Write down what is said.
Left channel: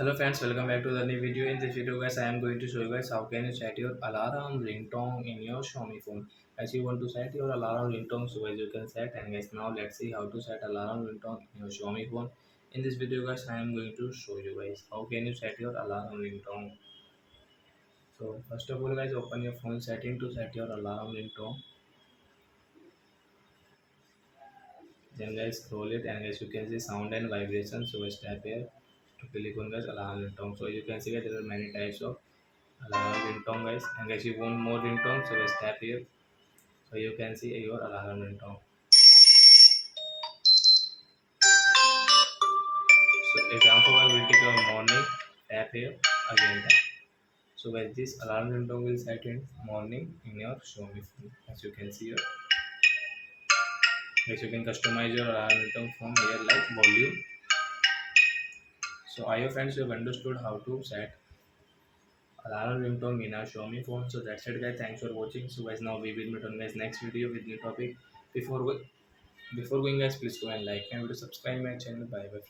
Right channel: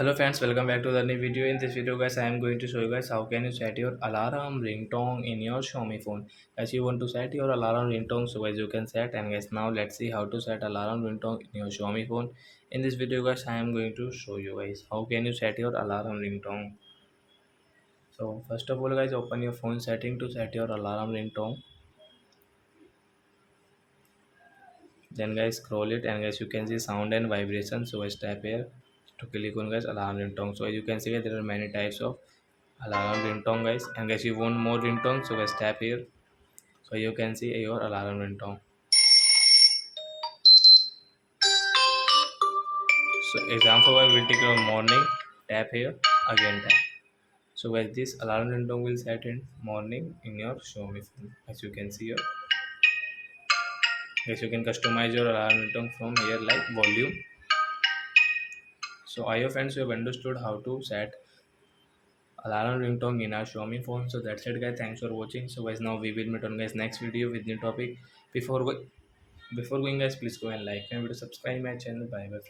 Hello friends, welcome back to the new video. In this video guys, I am going to show you guys how can you set your alarm ringtone in your Xiaomi phone. As you want to set your alarm ringtone, so guys you can set. And guys, now let's see how to set alarm ringtone in your Xiaomi phone. In this video guys, I am going to show you guys how can you set your alarm ringtone. So first of all guys, open your phone setting to set your alarm ringtone. Then guys, scroll it and guys you can see sound and vibration. So guys, tap here to click on guys alarm ringtone. So as you can see there are many types of alarm ringtone guys, and guys you want more ringtone, so guys tap here. So you can see your alarm ringtone. So example I will take your morning, tap here, again tap. So guys this alarm ringtone will set in morning in your Xiaomi phone. As you can see here, guys you can customize your alarm ringtone from here like volume. So I hope friends you have understood how to set alarm ringtone in our Xiaomi phone. So that's it guys, thanks for watching. So guys now we will meet on guys next video with new topic. Before going guys, please go and like and subscribe my channel. Bye bye.